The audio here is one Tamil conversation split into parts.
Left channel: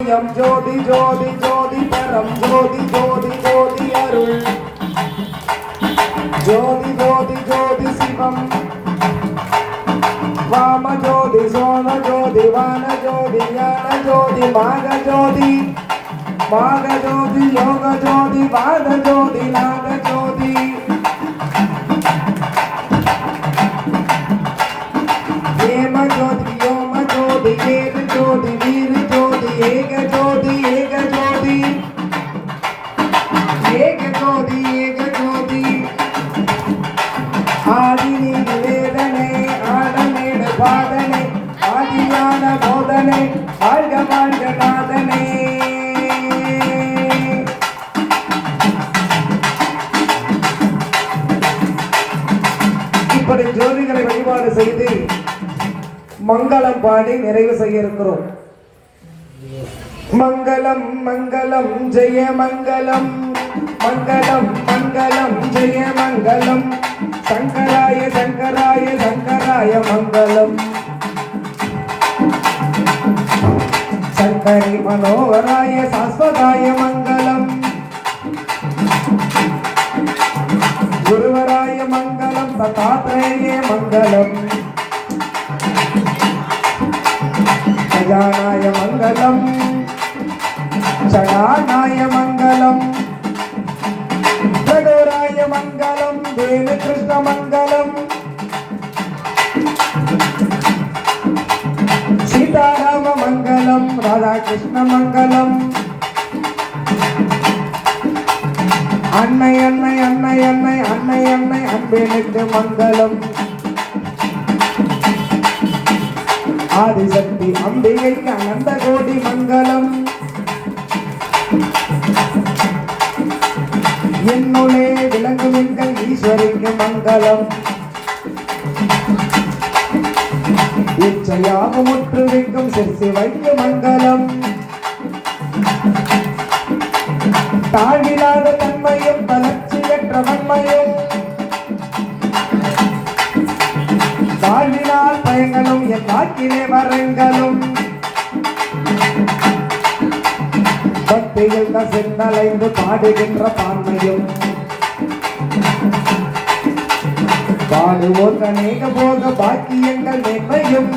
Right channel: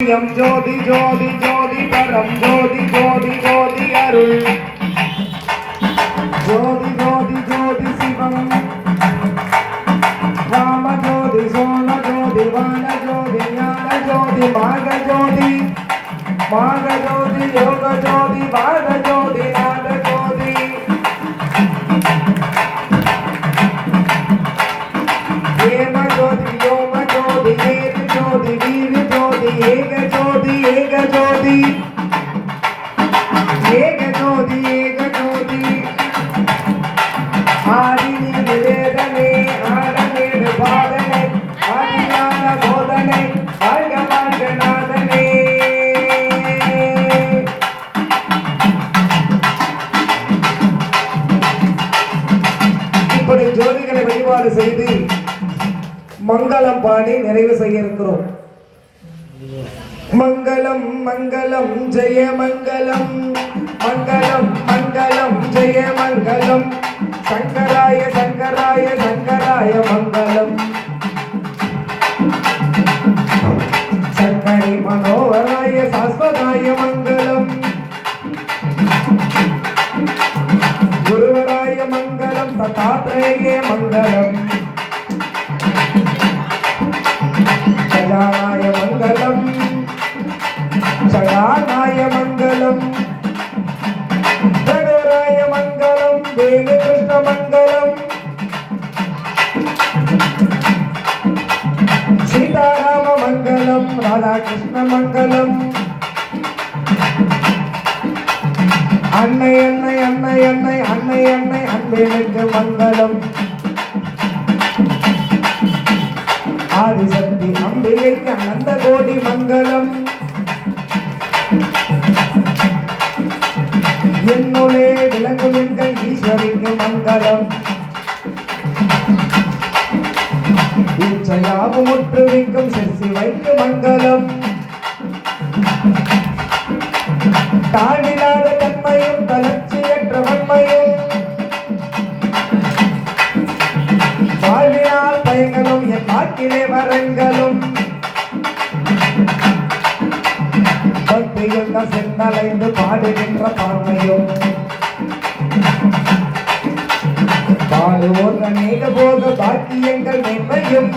எம் ஜோதி ஜோதி ஜோதி பரம். ஜோதி ஜோதி ஜோதி அருள். ஜோதி ஜோதி ஜோதி சிவம். ராம ஜோதி சோம ஜோதி வான ஜோதி ஞான ஜோதி மாக ஜோதி மாக ஜோதி யோக ஜோதி வாத மங்களம் பாடி நிறைவு செய்ய இருக்கிறோம். மங்களம் மங்களம் ஜெய மங்களம். மங்களம் மங்களம் ஜெய மங்களம். சங்கராய சங்கராய சங்கராய மங்களம். சங்கரி மனோகராய சாஸ்வதாய மங்களம். குருவராய மங்களம் சதாத்ரேய மங்களம். என்னை அன்னை என்னை அன்பினுக்கு மங்களம். ஆதிசக்தி அம்பிகைக்கு அனந்த கோடி மங்களம். என்னுளே விளங்கும் எங்கள் ஈஸ்வரிக்கு மங்களம். இச்சையாவும் முற்றுவிக்கும் சிற்சிவைக்கு மங்களம். தாழிலாத பக்தியில் சென்றலைந்து பாடுகின்ற பாங்கையும் பாடுவோர் அநேக போக பாக்கியங்கள் மென்மையும்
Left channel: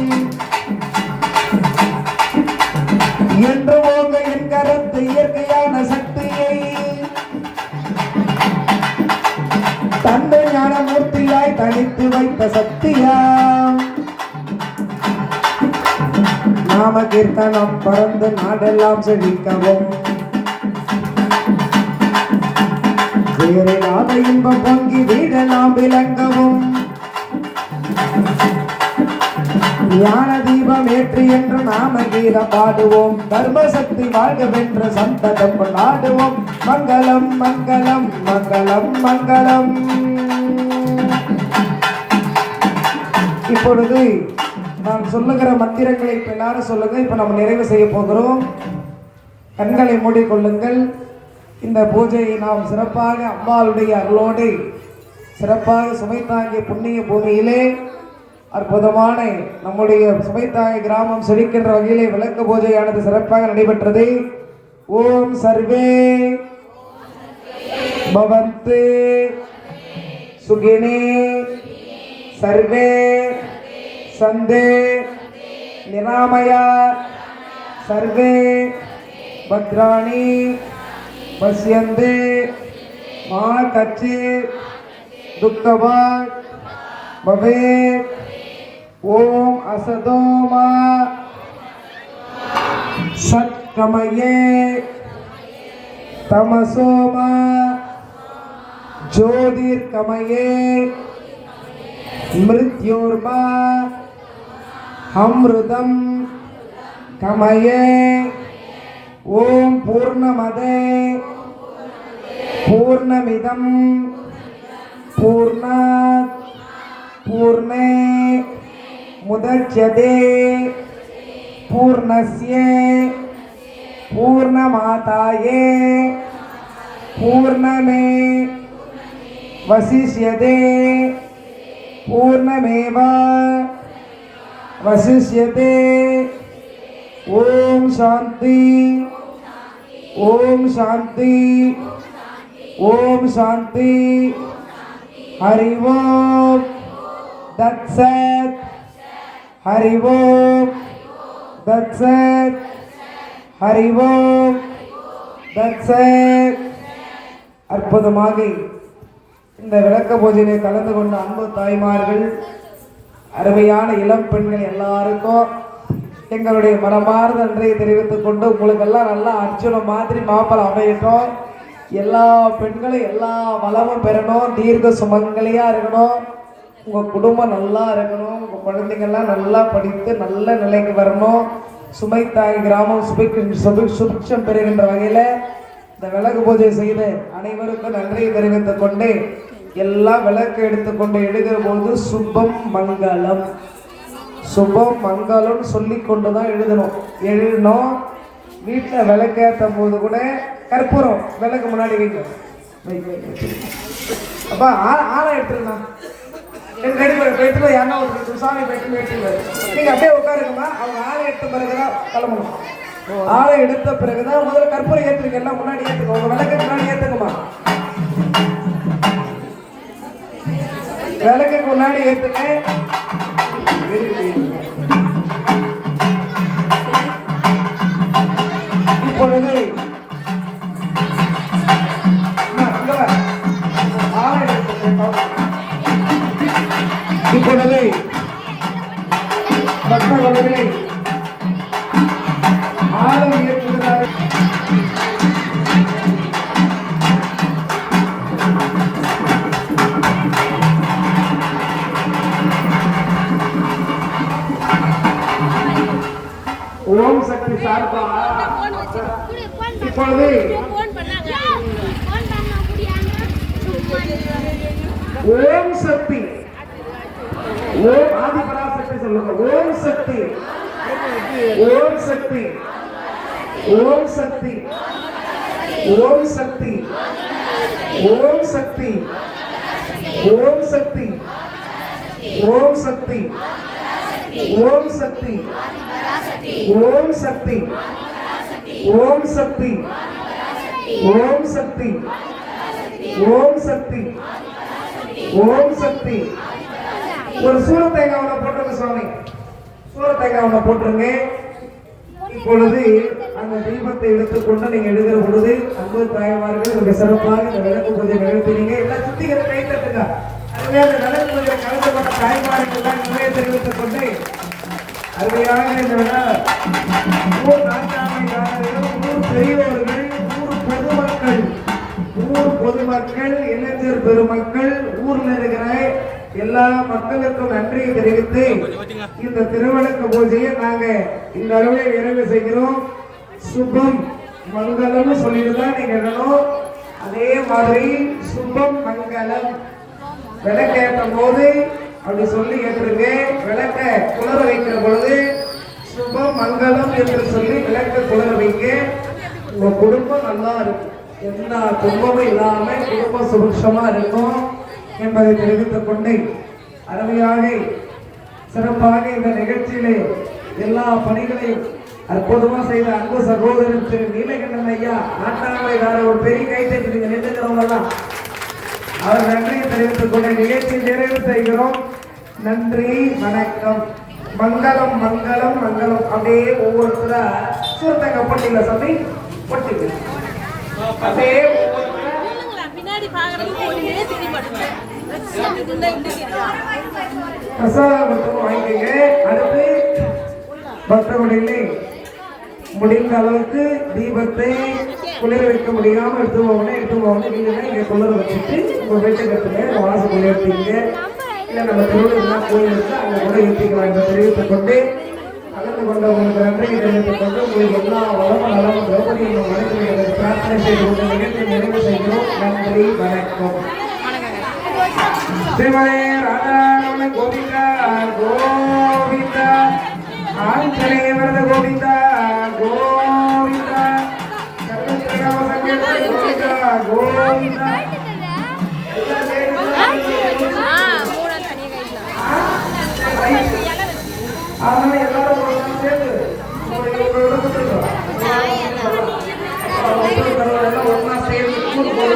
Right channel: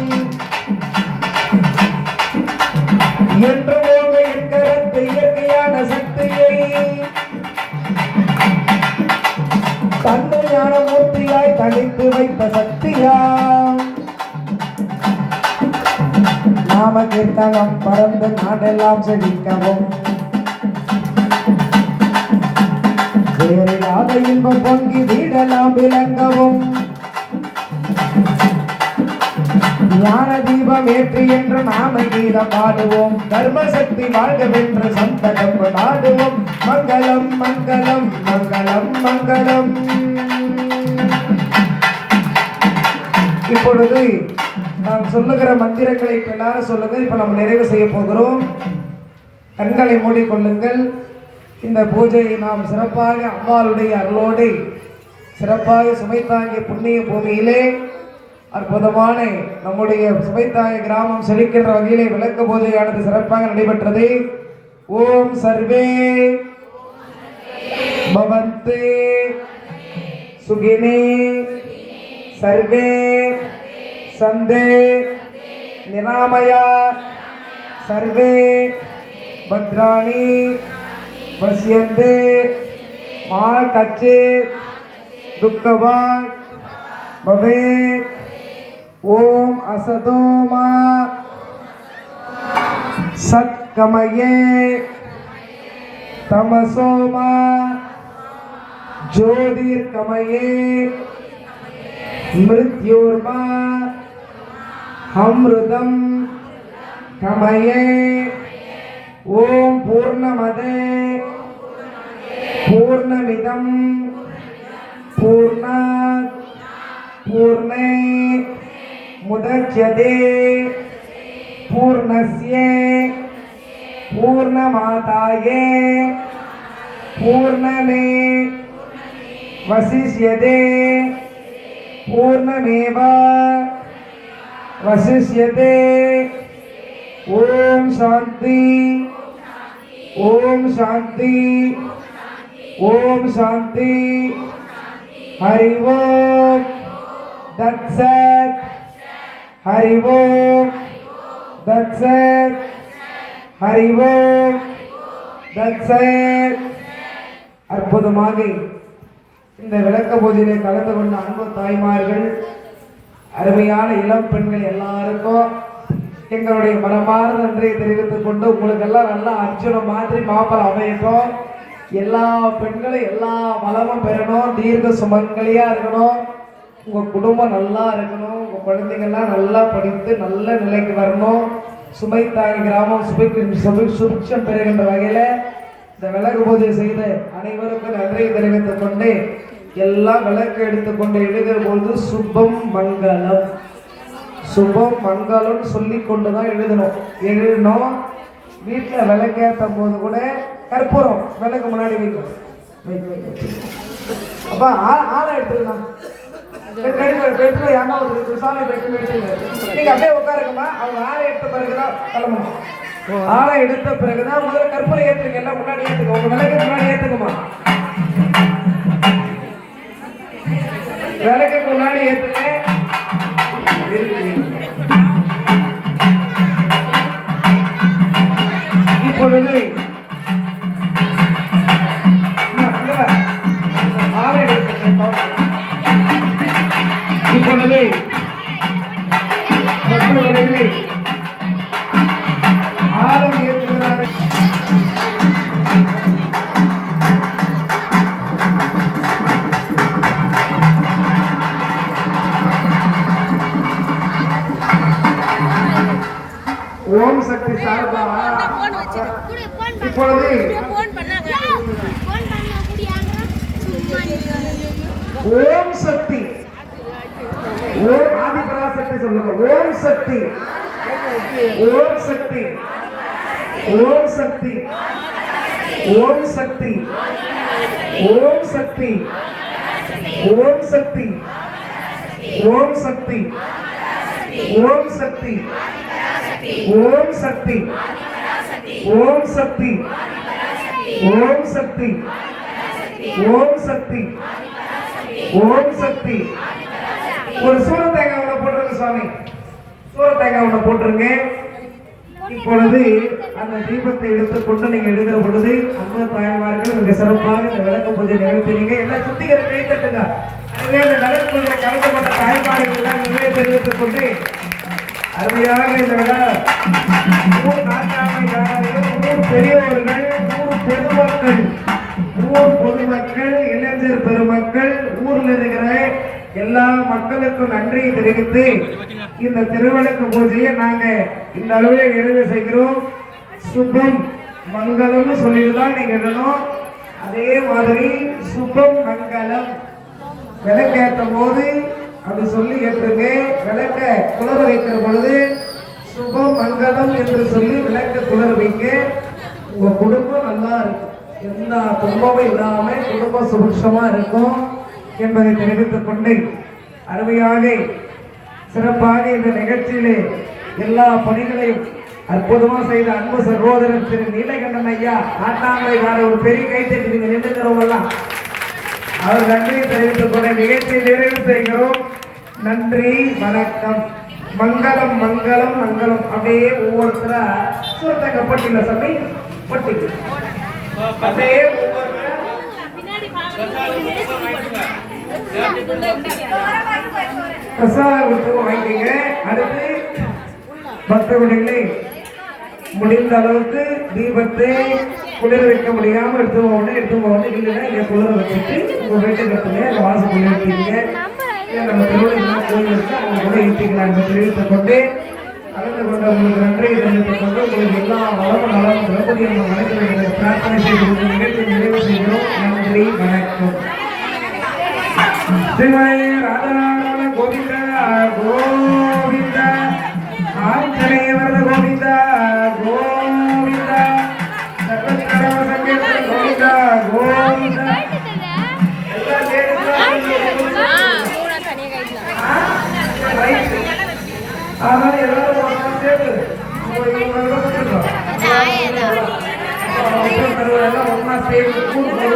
என்று போக என் இயற்கையான சக்தியை கீர்த்தனம் பறந்து நாடெல்லாம் செழிக்கவும். வேறில்லாத இன்பம் பொங்கி வீடெல்லாம் விளங்கவும். ஞான தீபம் ஏற்றி என்று நாம கீதம் பாடுவோம். தர்ம சக்தி வாழ்கவென்று சந்தகம் பாடுவோம் மங்களம் மங்களம் மங்களம் மங்களம். இப்பொழுது நான் சொல்லுகிற மந்திரங்களை இப்ப எல்லாரும் சொல்லுங்க. இப்ப நம்ம நிறைவு செய்ய போகிறோம். கண்களை மூடிக்கொள்ளுங்கள். இந்த பூஜையை நாம் சிறப்பாக அம்மாளுடைய அருளோடு சிறப்பாக சுமைத்தாங்கிய புண்ணிய பூஜையிலே அற்புதமான நம்முடைய சுமைத்தாய கிராமம் செழிக்கின்ற வகையிலே விளக்க பூஜையானது சிறப்பாக நடைபெற்றது. ஓம் சர்வே. பவந்து. சுகினி. சர்வே. सन्दे। निरामया। सर्वे। भद्राणी। पश्यन्ते। मा कच्चे दुःखवाक्। भवेत्। ॐ असतो मा। सत्कमये। तमसो मा। ज्योतिर्कमये। मृत्युर्मा। अमृतं गमये ॐ पूर्णमदे पूर्णमिदं पूर्णात् पूर्णे मुदच्यते पूर्णस्य पूर्णमाताये पूर्णमे वसिष्यते पूर्णमेव வசிஷ்யதே ஓம் சாந்தி. ஓம் சாந்தி. ஓம் சாந்தி. ஹரி ஓம். தத் சத் ஹரி ஓம். தத் சத் ஹரி ஓம். தத் சத் அற்புதமாக இந்த விளக்க பூஜையில் கலந்து கொண்ட அன்பு தாய்மார்கள் அருமையான இளம் பெண்கள் எல்லாருக்கும் எங்களுடைய மனமார்ந்த நன்றியை தெரிவித்துக் கொண்டு உங்களுக்கு எல்லாம் நல்லா அர்ஜுன மாதிரி மாப்பிள அமையட்டும். எல்லா பெண்களும் எல்லா வளமும் பெறணும். தீர்க்க சுமங்கலியா இருக்கணும். உங்க குடும்பம் நல்லா இருக்கணும். உங்க குழந்தைங்கள்லாம் நல்லா படித்து நல்ல நிலைக்கு வரணும். சுமைத்தாய் கிராமம் சுபிக்ஷம் பெறுகின்ற வகையில இந்த விளக்கு பூஜை செய்து அனைவருக்கும் நன்றியை தெரிவித்துக் கொண்டு எல்லாம் விளக்கு எடுத்துக்கொண்டு எழுதுகிற போது சுபம் மங்களம். சுபம் மங்களம் சொல்லி கொண்டு தான் எழுதணும். எழுதணும். வீட்டில் விளக்கேற்ற போது கூட கற்பூரம் விளக்கு முன்னாடி வைக்கணும் அப்போ ஆ- ஆளை எடுத்துக்கலாம் ரெடி பெட்டில் யாரா ஒரு துசாமி பெட்டி வெட்டிடுவார் நீங்கள் அப்படியே உட்காருங்கம்மா. அவங்க ஆளை எடுத்த பிறகுதான் கிளம்பணும். ஆளை எடுத்த பிறகுதான் முதல்ல கற்பூரம் ஏற்றுங்க எல்லாம் முன்னாடி ஏற்றுங்க விளக்கு முன்னாடி ಇಬ್ಬರಲ್ಲಿ ಮಕ್ಕಳಲ್ಲಿ ಆರು ಏಪ್ರಿಲ್ ஓம் சக்தி சார்பாரா இப்பொழுது ஓம் சக்தி ஓம் ஆதிபராசக்தி சொல்லுங்க ஓம் சக்தி ஓம் சக்தி ஓம் சக்தி ஓம் சக்தி ஓம் சக்தி ஓம் சக்தி ஓம் சக்தி ஓம் சக்தி ஓம் சக்தி ஓம் சக்தி ஓம் சக்தி ஓம் சக்தி ஓம் சக்தி ஒரு சூர தேங்காய் ஒண்ணு போட்டுருங்க சுவாமி. சூர தேங்காய் ஒண்ணு போட்டுருங்க. இப்பொழுது அந்த தீபத்தை எடுத்துக்கொண்டு நீங்க எழுதுற பொழுது அன்பு தாய்மார்கள் மிக சிறப்பாக இந்த விளக்கு பூஜை நிகழ்த்தினீங்க எல்லாம் சுத்திகர கை தட்டுங்க அதுவே அந்த விளக்கு பூஜை கலந்து தாய்மார்கள் எல்லாம் நிறைய தெரிவித்துக் கொண்டு அருமையாக இந்த விழா ஊர் நாட்டாமையாளர்கள், ஊர் பெரியவர்கள் ஊர் பொதுமக்கள் ஊர் பொதுமக்கள் இளைஞர் பெருமக்கள் ஊர்ல இருக்கிற எல்லா மக்களுக்கும் நன்றி தெரிவித்து இந்த திருவிளக்கு பூஜையை நாங்க இந்த அளவில் நிறைவு செய்கிறோம். சுபம் மங்களம்னு சொல்லிட்டு தான் நீங்க இடணும் அதே மாதிரி சுபம் மங்களம். விளக்கேற்றும் போது அப்படி சொல்லி ஏற்றுங்க. விளக்க குளர வைக்கிற பொழுது சுபம் மங்களம் என்று சொல்லி விளக்க குளர வைக்க உங்க குடும்பம் நல்லா இருக்கும். எந்த துன்பமும் இல்லாம குடும்பம் சுபிக்ஷமா இருக்கும். என்பதை தெரிவித்துக் கொண்டு அருமையாக சிறப்பாக இந்த நிகழ்ச்சியிலே எல்லா பணிகளையும் அற்புதமா செய்த அன்பு சகோதரன் திரு நீலகண்டன் ஐயா ஆட்டாமைக்கார ஒரு பெரிய கைத்தட்டி நீங்க நின்றுக்கிறவங்க அவர் நன்றியை தெரிவித்துக் கொண்ட நிகழ்ச்சியை நிறைவு செய்கிறோம். நன்றி வணக்கம். மங்களம் மங்களம் மங்களம். அப்படியே ஒவ்வொருத்தரா சூரத்தங்க பட்டியல சொல்லி பட்டிக்கு அப்படியே ஒவ்வொருத்தரா பிரசாதம் கொடுத்து அடுத்து பக்த முடிந்த அளவுக்கு தீபத்தை குளிர வைக்க முடியாம எடுத்து போகணும் எடுத்து போகணும் இல்லைன்னா இங்க குளிர வச்சுட்டு உங்க வீட்டை கட்டுங்க. உங்க வாசல் குளிர வைப்பீங்க இல்லை நம்ம திருவிழா கோயில் இருக்கு அவங்க கூட ஏற்றிக்கலாம் என்று தெரிவித்துக் கொண்டு கலந்து கொண்ட உங்களுக்கு நன்றியை தெரிவித்துக் கொண்டு உங்களுக்கு எல்லா வளமும் நலமும் திரௌபதியும் வணக்கம் பிரார்த்தனை செய்து கொண்டு நிகழ்ச்சி நிறைவு செய்கிறோம். நன்றி வணக்கம். അഭിമാനെ